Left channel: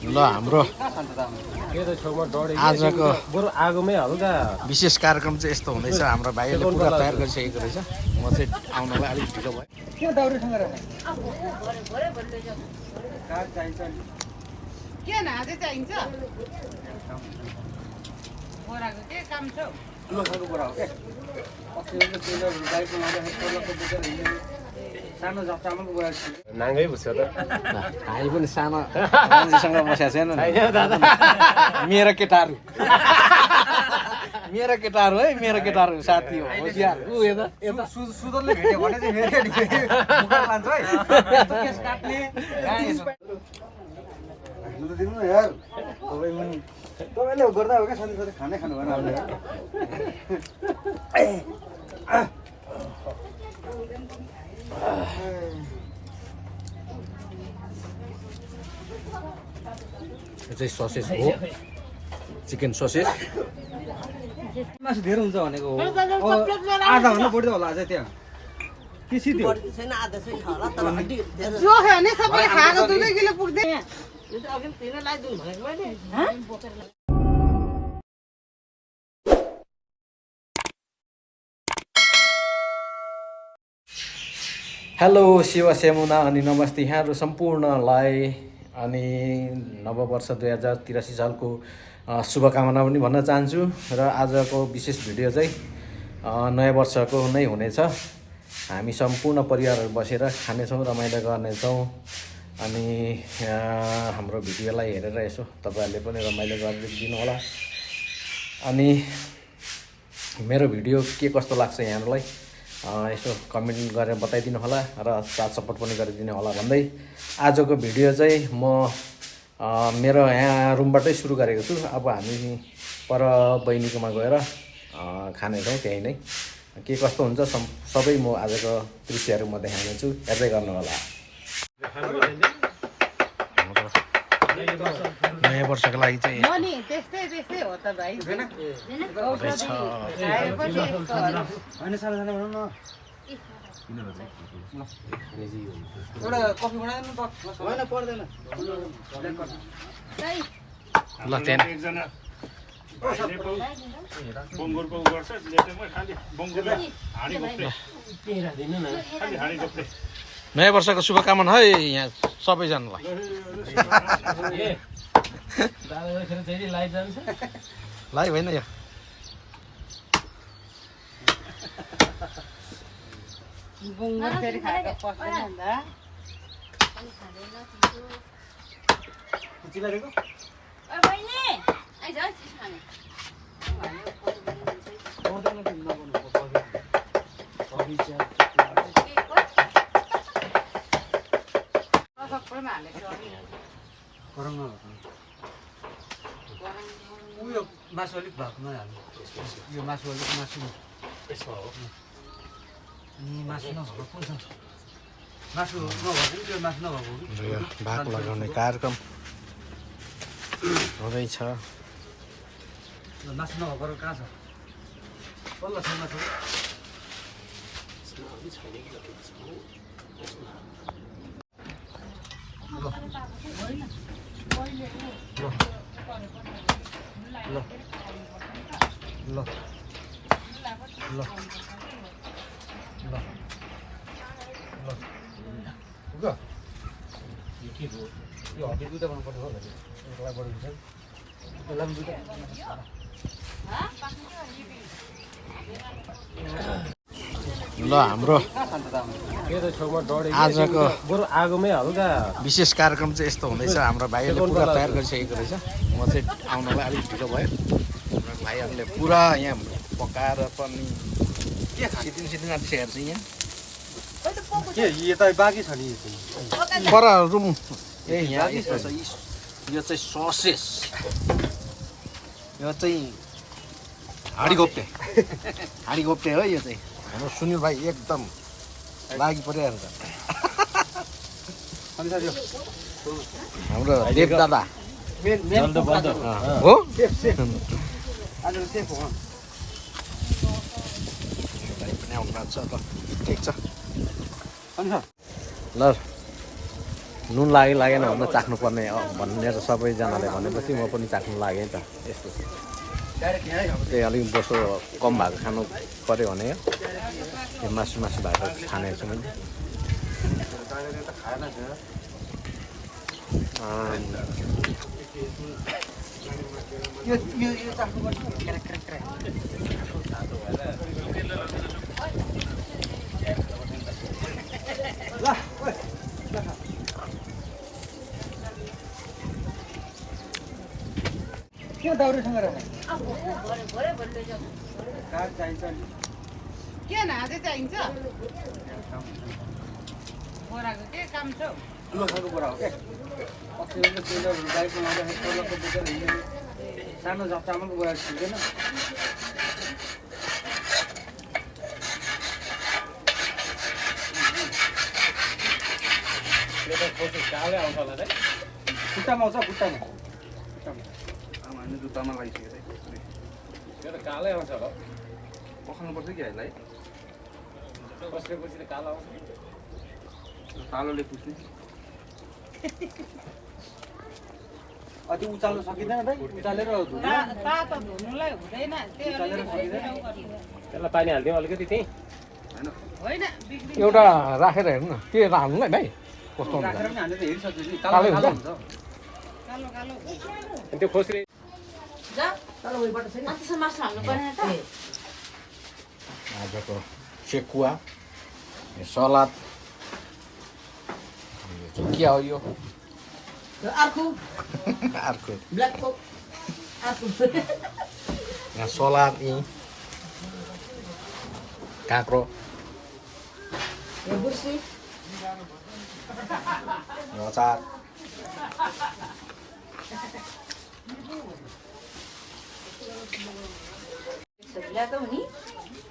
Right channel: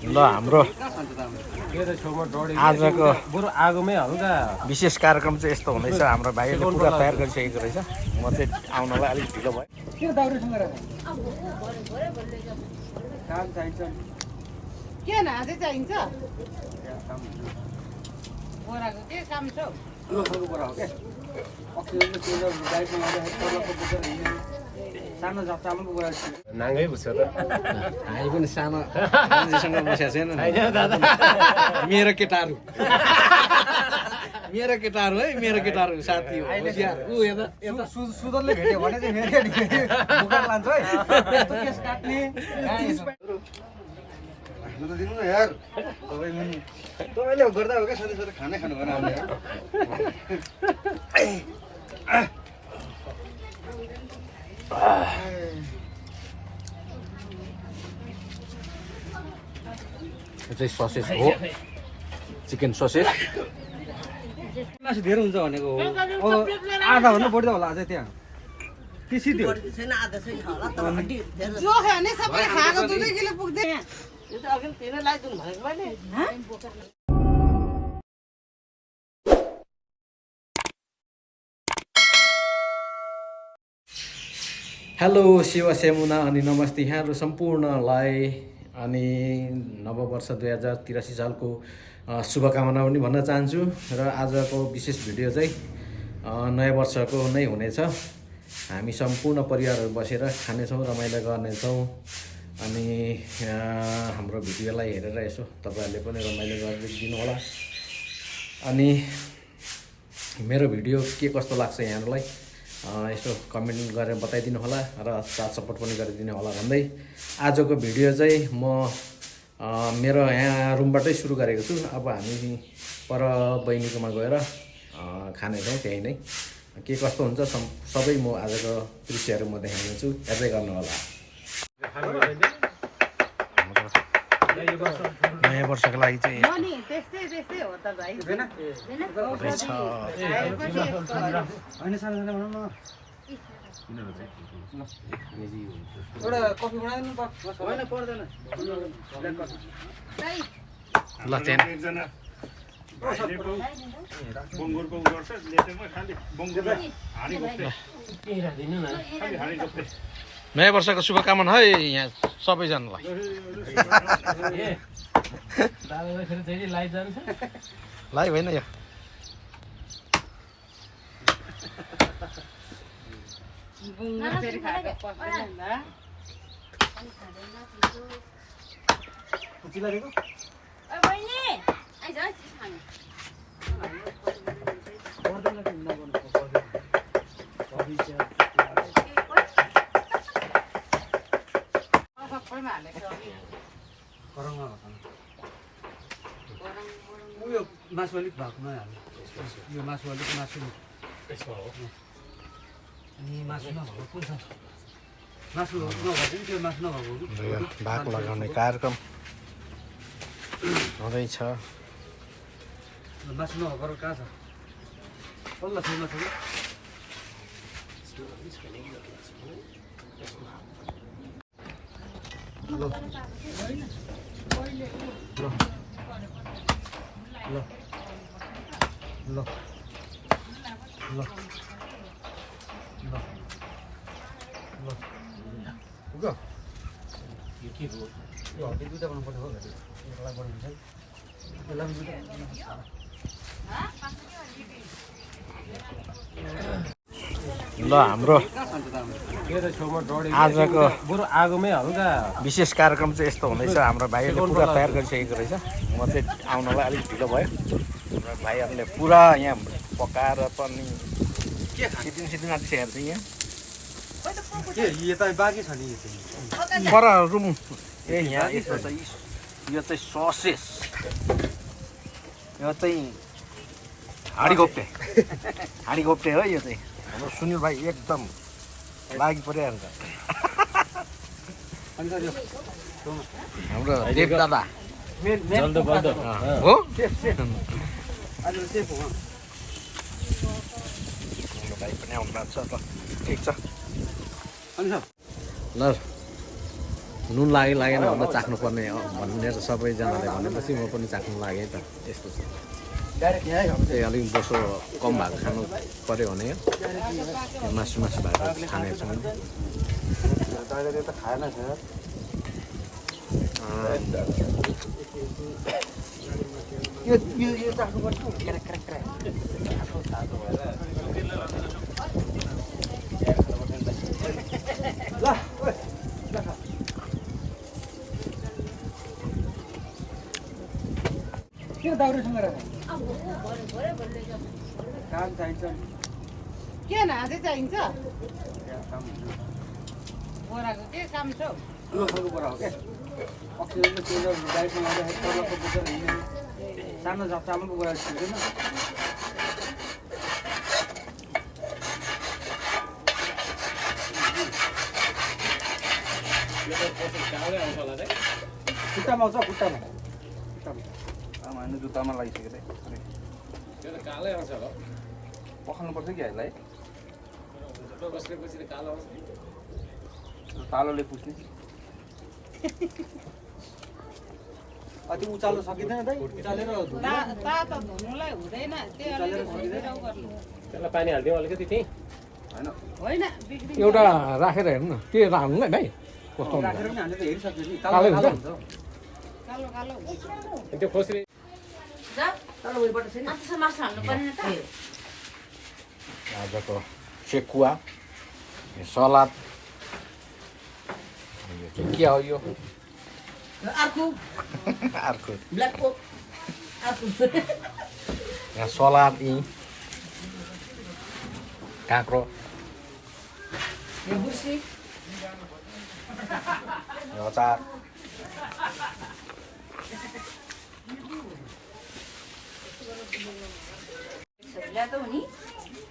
ल हाम्रो आजको विशेष कार्यक्रम चाहिँ यस्तो हुँदैछ। हाम्रो भाइले पुरा तयार गरिसकेको रहेछ। म चाहिँ आउनलाई अलिक ढिलो भयो। नाङ्गै बुझ्छ त हामी पनि सानो मान्छेसँग बसेको छैन मेरो केटाहरू है मेरो केटाहरू साथी हो होसियार ऊ यता यता सुदरले भेट्यो भने चाहिँ मेरो बुकार लान्छ है यस्तो केस काट्ने म त दिनु न यार तपाईँले गर्दा हो क्या सधैँ सधैँ खानै खानु भएन अहिले यो चाहिँ ससेज हो, चिकन ससेज। मासु धेरै हुन्छ भनेको हो आधा भन्दा बढी त होला अझै त्यहाँ पिसी थियो छैन आधा चाहिँ होला तर हड्डी धेरै जो खाने सबै खाएको 2 किलो पुग्दै यो त अघि तिनै लाइदिनु भनेको मैले हेलो शिव सेमुना अनि नमस्ते यहाँहरू सम्पूर्णलाई अनि नववर्ष 2083 सालको शुभकामना पनि भन्न चाहन्छु। र आजको विशेष भिडियो चाहिँ नयाँ वर्षको नै हुनेछ। हामी सम्पूर्ण परिवारहरू बसेर खानेछौँ, रमाइलो गर्नेछौँ। अनि हाम्रो भिडियोलाई हेरेर यसो तपाईँहरूले पनि रमाइलो गरिदिनु होला। अनि मेरो भिडियो के कस्तो लाग्छ यहाँहरूलाई यसो कमेन्ट गरेर बताइदिनु होला र साथ सपोर्ट पनि गरिदिनु होला भन्दै आजको भिडियो चाहिँ म मेरो यहाँ रुमबाटै सुरु गरेको छु। अब हामी पर बहिनीकोमा गएर खानेछौँ त्यहीँ नै। के कस्तो हुन्छ सबै म आजको दृश्यहरू म देखाउनेछु, हेर्दै गर्नु होला। नयाँ वर्षको लागि चाहिँ त्यस्तै हो त भाइ रहेछ। होइन सानो सानो भनौँ न एउटा कफी बनाइदिनु त होइन पर्दैन ल त्यहाँ नयाँ वर्षको शुभकामना है यहाँ सबैजनालाई। लाइभ होइन यो उयो मासु अलिक भएकोमा हाल्नु यो मासु अलिक मासु मासु नभएको कुन छ मासु नभएको त्यो मासु नभएको भाग लगाउने कार्यक्रम हुँदैछ। मासु नभएको कहाँ छ बल्ल छ मासु ल पुग्यो यो के हो यो हड्डी दुईवटा बनाउनुपर्छ होला एउटा बनाउनु छ यसलाई पनि दुईवटा ल हाम्रो आजको विशेष कार्यक्रम चाहिँ यस्तो हुँदैछ। हाम्रो भाइहरूले पुरा तयार गरिसकेको रहेछ। म चाहिँ आउनलाई अलिक ढिलो भयो। हाम्रो भाइहरूले पुरा यहाँ पकाएर पनि सिद्धिन आँटिसकेको छ। यहाँ यता बाँकी छ नि पर रुम ए यहाँ यस्तो छ। यो चाहिँ ससेस, यो चाहिँ हाँडी घोप्टे हो। यो चाहिँ हाम्रो सुनिल भाइ एकदम लागि परिरहेको छ। हाम्रो देव दादा हो भाइ पनि आउनु भएको छ त। ठिक छ ल नुन लाग्यो लागेन भनेर चाख्नुपर्ने भनेर सबैजनाले भनेपछि म पनि चाख्नु लागेँ त यस्तो छ त्यही अलिक बोसो कम भएको खानु पऱ्यो भने यो मासु भएको खानेको छु मैले के दाउरेसँग काग चाहिन्छ नि के नागे चाहिन्छ बोराको के काम छ लोकको बोरा हो क्या अक्सिजन त चेन्जर बाइकमा लाउँदाखेरि तलको बोकेर हिँड्ने सानो चामलको बोरा छिर्दैन खुट्टामा आउँछ खुट्टामा जुत्तामा लगाइसकेर कालै आउँछ हो पखाल्नुपर्छ कि हामीलाई बसेपछि कालो आउँछ कालोले पुछ्ने अति उचाल्नु सकिँदैन दाइ उचालेर तातो धुनुलाई हुँदैन त्यही अलिकति भइदिउँ गर्नु त्यसलाई पानी हालिदिउँ अलिकति त्यही होइन एउटा राखेर हेर्नु न के हाल्नु भाइ कस्तो हुन्छ राखेर पनि हामीले त हेरिसक्यो नि कालै हुन्छ? कालो कालो त्यो खोस्री आजको सेकुवा यो सलाद यो चाहिँ के हो यो अर्को अर्को ब्ल्याक कोक अर्को यहाँ सलाद यी काँक्रो यो बुर्सी यो अचार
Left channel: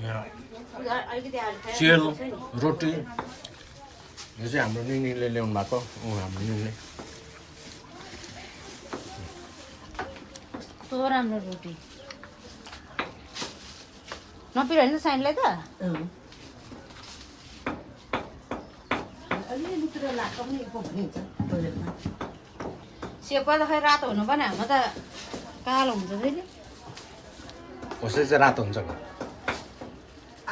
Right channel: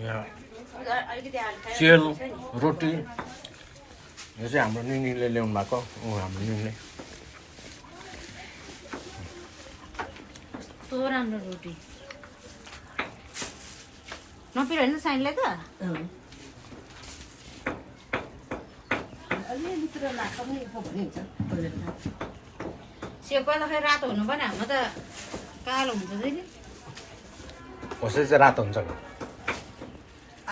यहाँ सेल रोटी यो चाहिँ हाम्रो निनीले ल्याउनु भएको हाम्रो निनीले कस्तो राम्रो रोटी नपिरहनु साइनलाई त अलिअलितिर लाग्छ पनि भनिन्छ टोइलेटमा सेपा त खै रातो हुनु पनि हाम्रो त कालो हुन्छ फेरि कसरी चाहिँ रातो हुन्छ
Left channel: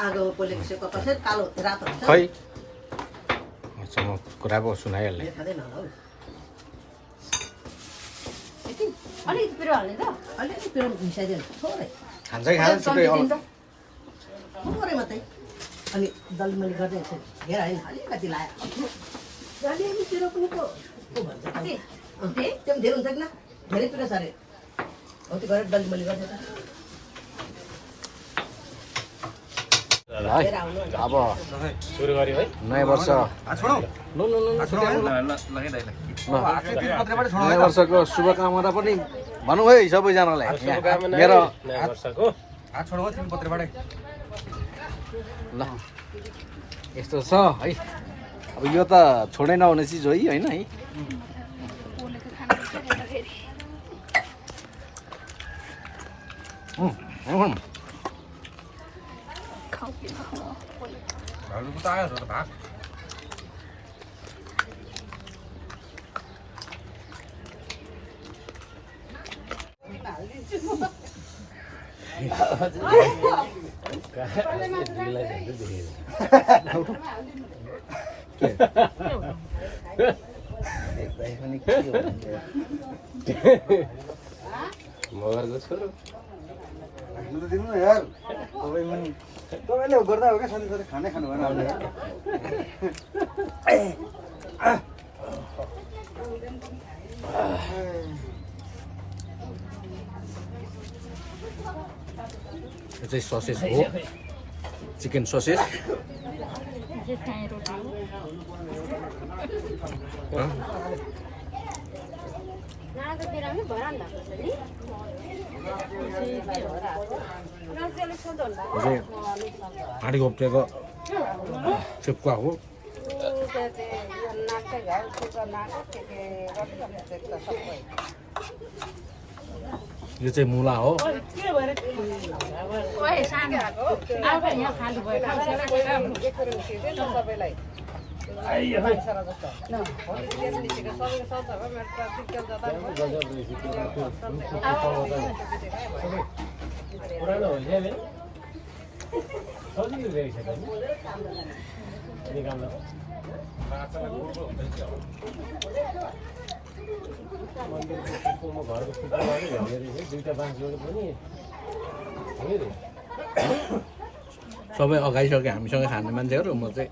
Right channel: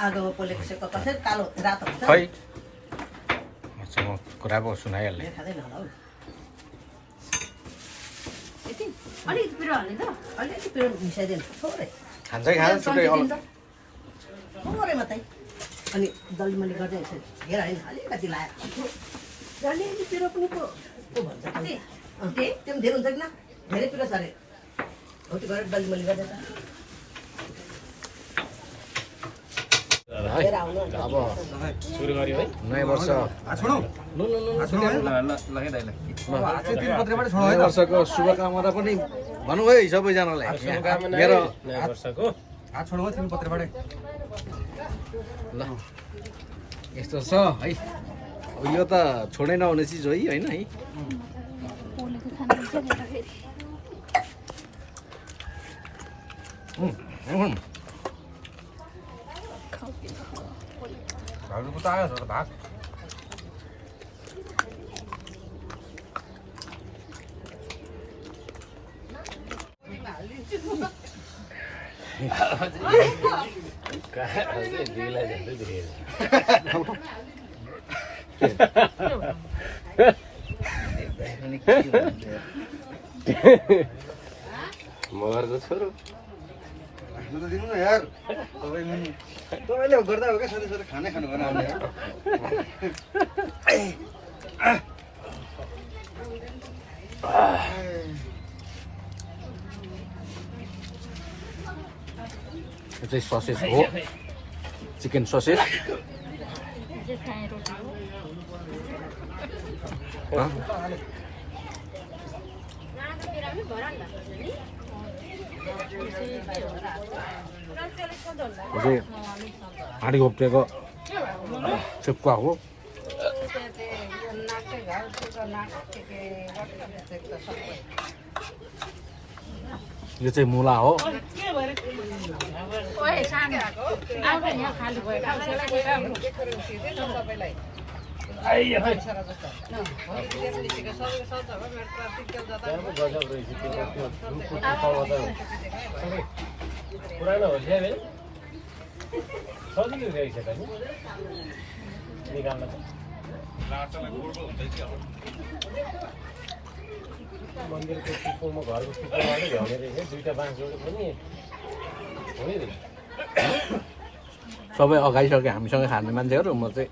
आगो पोलेको सेको कसरी कालो रातो हुन्छ खै अच्छा म कुरा पो सुनाइहाल्ने खाँदैन होला हौ यति अलिकति पिरो हाल्ने त अलिअलि पिरो मिसाइदिनु थोरै खान्छै खान्छ छुट्टै थोरै मात्रै अनि दलिमली गर्दै यसो हेर होइन अलिकति लाग्यो अलिअलि पिरो पनि पो भन्छ त्यो पनि धेरै हुन्छ कि न धेरै पिरो छ अरे हो त्यो गरेर दलिमली गर्दै है अब सुरु गऱ्यो है नयाँ वर्ष नयाँ वर्षको शुभकामना पनि भनौँ है सबैजनालाई मेरो नयाँ वर्षको हात छोड्नु तिन पत्रबाटै ल यस्तो छ है अब यो त छोडै नहुने चिज हो है होइन है भाउजूको त आयो छ भात मगरको छोरो खानु त दिनु न यार तपाईँले गर्दा हो क्या सधैँ सधैँ खानै खानु भएन हामीले यार यो चाहिँ ससेज हो चिकन ससेज हाँडी घोप्टेको सेकुवा हो यो चाहिँ मुला हो ओए सानो आउँदा यहाँ खाली भयो खाऊ सेला सेला आइयो है गजब रहेछ पुरानो हो क्या भने सजिलो रहेछ त नि निकाल्नु मन्दिरको पिपलमा घरको पिपलमा नै झर्ने रहेछ दुईवटा बाँस जोड्नु पनि हो नि सबै अगाइसक्यो हामीसँग खाने मान्छेहरू म चाहिँ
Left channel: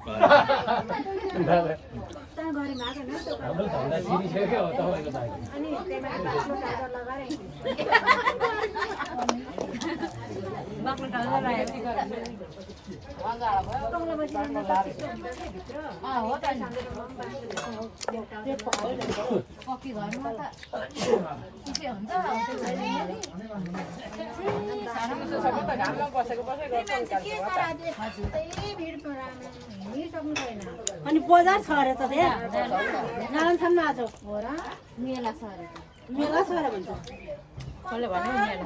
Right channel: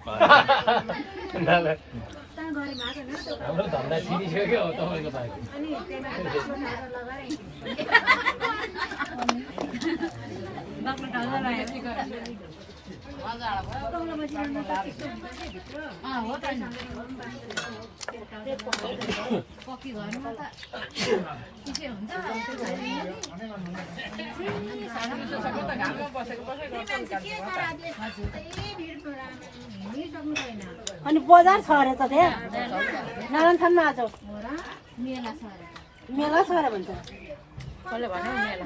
हाम्रो धन्दा छिरिसक्यो तपाईँको बाँकी अनि बजार छ अरे त त्यहाँ नारायणथानमा आज मेला छ अरे भन्छ कसले भन्यो मेला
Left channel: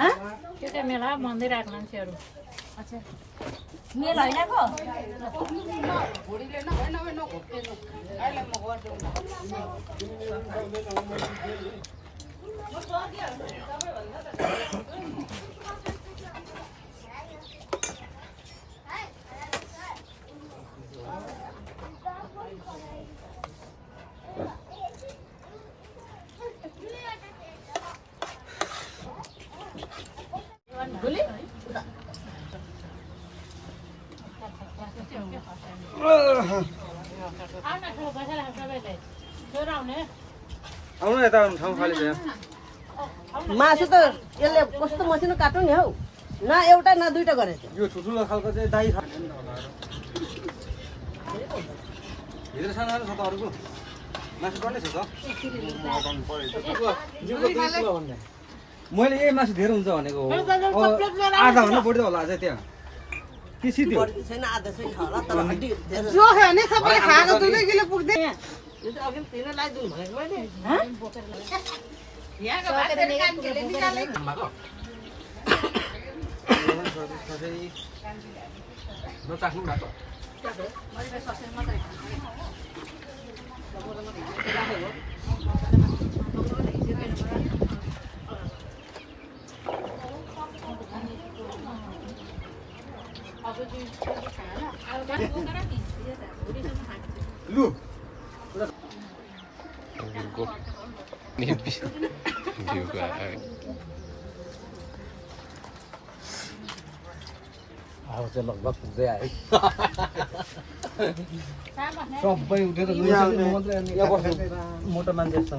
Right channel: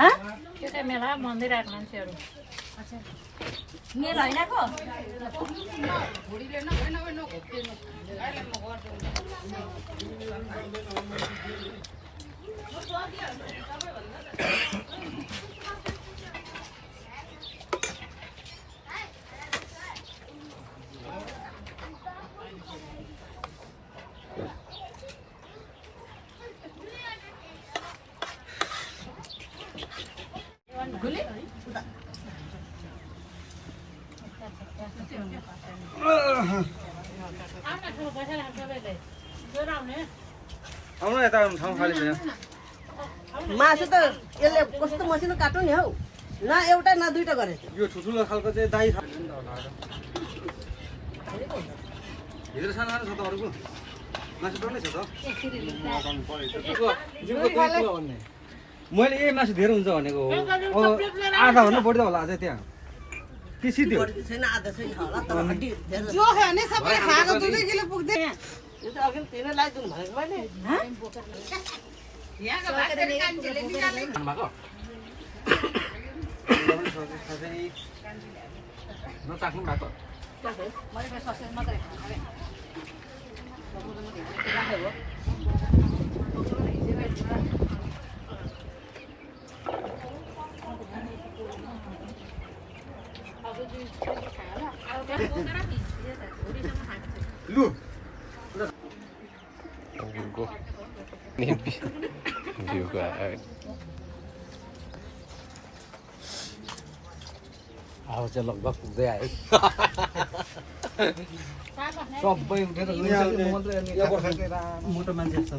हँ? त्यो त मेला मन्दिर आएको मान्छेहरू मेला होइन को आउनु यता आउनु ठाउँ खाली भयो मासु त यसले कस्तो मसिनो काट्नु नि हौ न एउटा न दुईटा गरेको यो ठुल्ठुलो खालको चाहिँ दाई हिजो सानो छ त अरूको मासु डल्लै छ त जिउको 2 किलो भन्ने मैले यही मासु धेरै हुन्छ भनेको हो आधा भन्दा बढी त होला अझै त्यहाँ के सिधो बढी छैन आधा चाहिँ छ होला तर हड्डी धेरै जो खाने सबैले खाएको 2 किलो पुग्दै यो त अघि तिनै लगाइदिनु भनेको मैले नचाख्नु भएको लु भ्यूको भ्यूको अब चाहिँ लगभग पुग्दै आयो सबै उठेर मोटो मान्छे जस्तो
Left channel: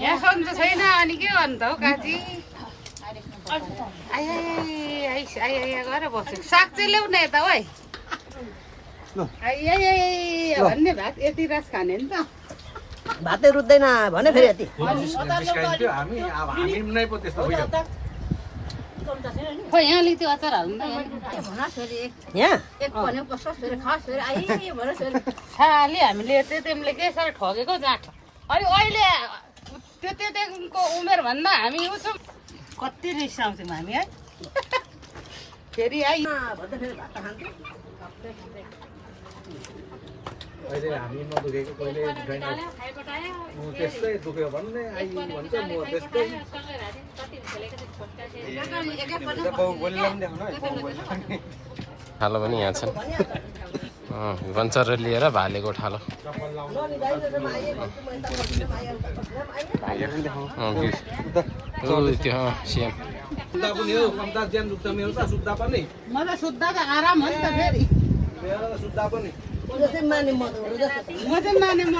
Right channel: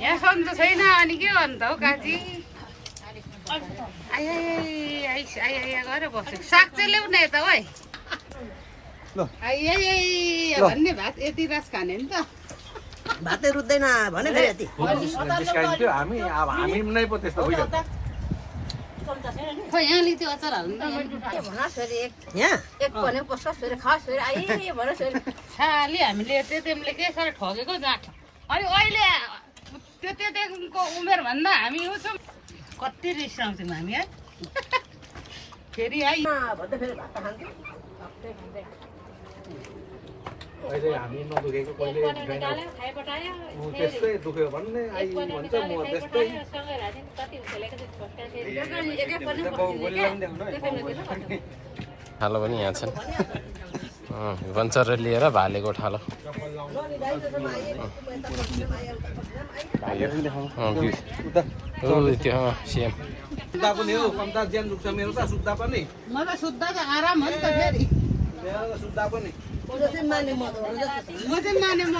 यहाँ सन्चो छैन अनि के गर्नु त हौ काजी आइया गरेर बस्यो साग चाहिँ ल्याउन यता है भन्ने भात यति रस खाने नि त भातै रुच्दैन भने फेरि यति जिस्काइन्थ्यो हामी अब हामी नै पो त्यस्तो भइहाल्छ खोइ यहाँले त्यो अचार हाल्नु यहाँ एक भने बस्छ फेरि खास फेरि आइए भनेर फेरि खालि हामीले त्यो तिमीले के साह्रो ठगेको जाँट अनि अहिले त्यो उमेर भन्दा हामी उ छौँ कति रिसाउँछौँ हामी है फेरि है भन्दा फेरि भात खान्थ्यो अहिले हामी नदुखेको कहिले ऊ त्यस्तै दुख्यो भन्ने आइ भन्छ म त्यस्तै ठालो पनि यहाँ छन् वञ्चर लिएर भालेको ठालो त्यो सेम सुत्दा पनि हो कम्ता ज्यान दुख्छ मेरो त सुत्दा पनि मलाई सुत्दा त आराम हो नि त फेरि मेरो त सुत्दा पनि त्यो चाहिँ माने मदहरू जस्तो छ म चाहिँ माने म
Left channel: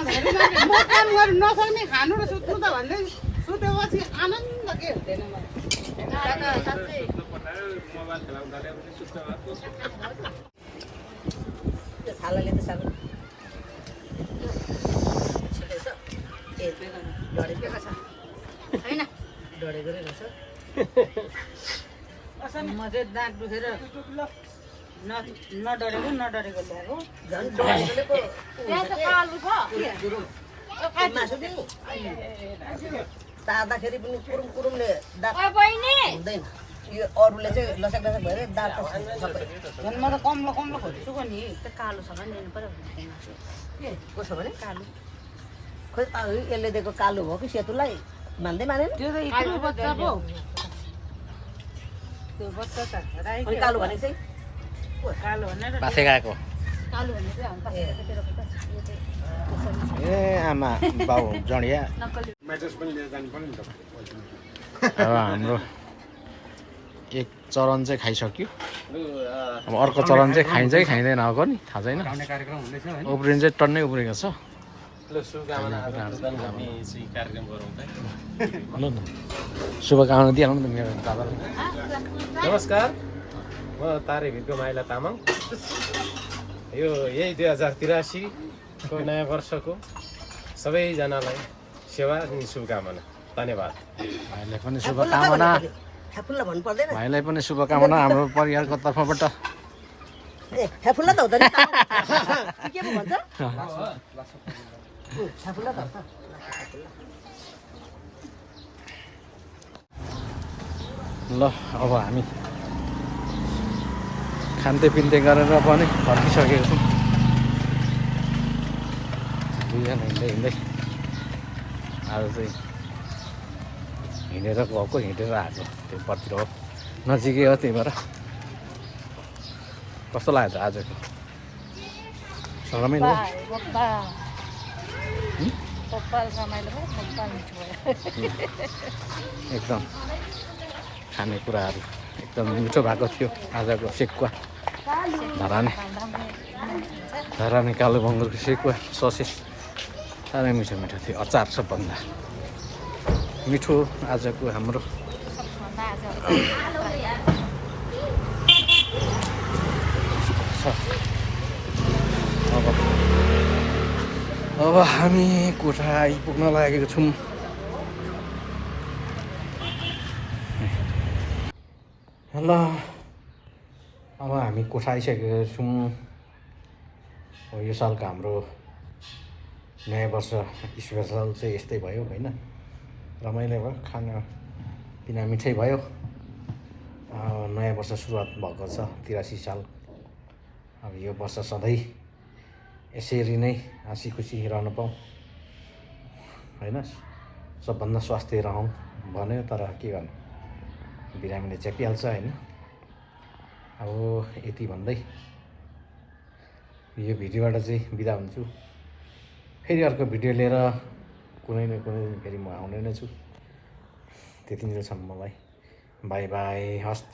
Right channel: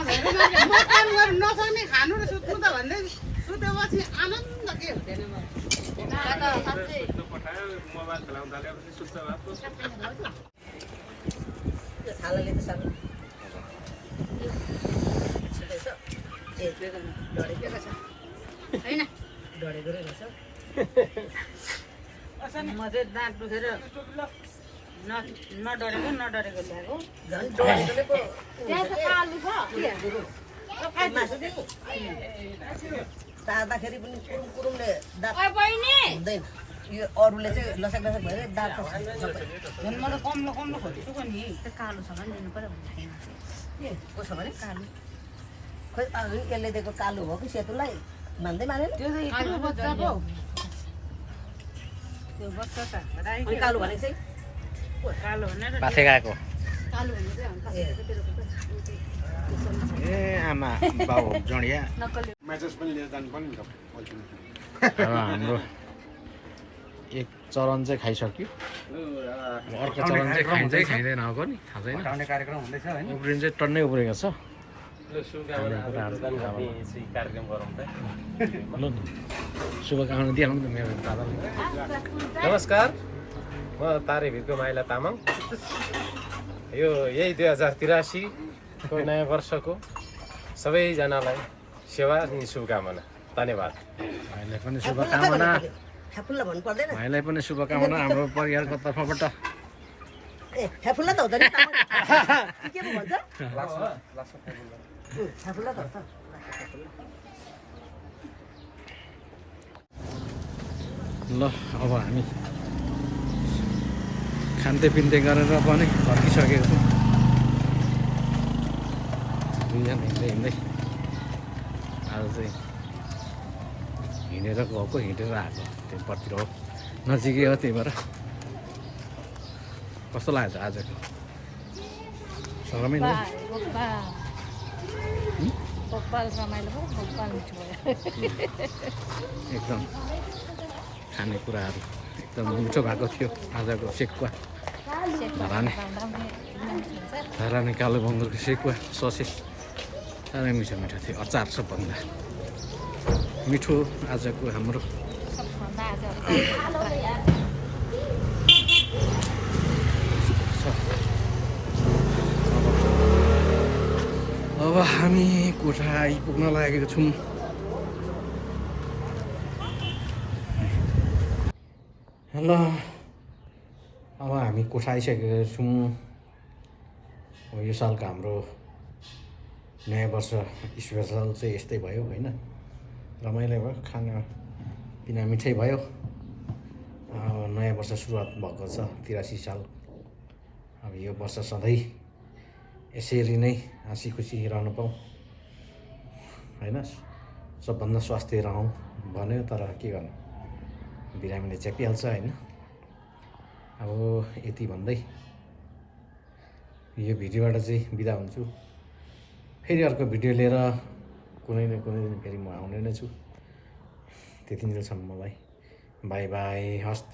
काम गर्नु नसक्ने खानु र सुत्नु त भन्दै सुतेपछि आनन्द के हुँदैन त्यो छालाले त सानो ए त्यो डढेको छ होइन डढेको रहेछ म चाहिँ दाँत दुखेर नडरेको भएको झन् डढेकोले पो त्यहाँ त कालु छ मासु नि तार्दाखेरि पनि कुरुम कुरुमले दाँत ओ बहिनी हुँदैन यो अरूले चाहिँ लसक लसक भएर दाल त सबै झन् म त कम्लो कम्लो खोज्छु नि त्यो कालो छ भने ल्याउनु पऱ्यो के कसो भने कालो खोइ यसले दिएको कालो हो कि सेतुलाई मान्दै मानेन त्यो त यत्रो बच्चा पो त्यो बच्चा छ अनि कालो भने चाहिँ कालो भनेर पाथे गएको कालो भने चाहिँ हामी पासेको चाहिँ तेरो यो चाहिँ त्यसरी ए आमा बाउ जडिया अब हाम्रो एक चरण चाहिँ खाइसक्यो अब अर्को चरण चाहिँ खाइन्छ कि खाइँदैन अब नि थाहा छैन कार्यक्रम हुँदैछ होइन उब्रिनु चाहिँ टन्नै उब्रेको छ ल शुभकामना कार्यक्रम गरौँ त ल न शुभकामना दिइहालौँ न मेरो दादालाई नमस्कार म तारे भिरको माइला तामाङ यो यही 2083 को नयाँ वर्षको सबैजनालाई सेवा अनि शुभकामना धन्यवाद भाइलाई पनि शुभकामना फ्याफुल्ला भन्नु पर्दैन भाइलाई पनि शुभकामना हाम्रो परिवारको तर्फबाट ए फ्याफुल्ला त हुँदैन के पो भन्छ फ्याफुल्ला त हो ल अब हामी खान्ते पिन्ते गरेर पनि फर्किसकेको छौँ दुईजना हिँड्दै हिँड्दै आज चाहिँ हिँडेर गएको हिँडेर आएको त्योपट्टि हो नजिकै हो त्यही भएर कस्तो लाग्यो त आजको रमाइलो एकदम खानेकुराहरू एकदम मिठो भएको थियो आजको सेकुवा धराने कालो बङ्गुरको सेकुवा ससेज साह्रै मिठो मिठो थियो अचार सबभन्दा मिठो आजको हाम्रो अब हामी कोठा आइपुग्न लागेको छौँ ल अब हामी कोठा आइसकेका छौँ यो सालको हाम्रो नयाँ वर्ष स्पेसल चाहिँ यस्तै भयो होइन रमाइलो भयो खाना पिना मिठै भयो नयाँ वर्ष सुरुवात भएको छ 83 साल अब यो वर्ष सधैँ यसरी नै हाँसी खुसी रहन पाऊँ होइन सबभन्दा स्वास्थ्य रहौँ भन्यो तर के गर्नु बिरामीले च्यापिहाल्छ होइन अब यति भन्दै यो भिडियोबाट चाहिँ बिदा हुन्छु फेरि अर्को भिडियो लिएर कुनै न कुनै दिन फेरि म आउने नै छु त्यतिन्जेलसम्म मलाई बाई बाई हस्त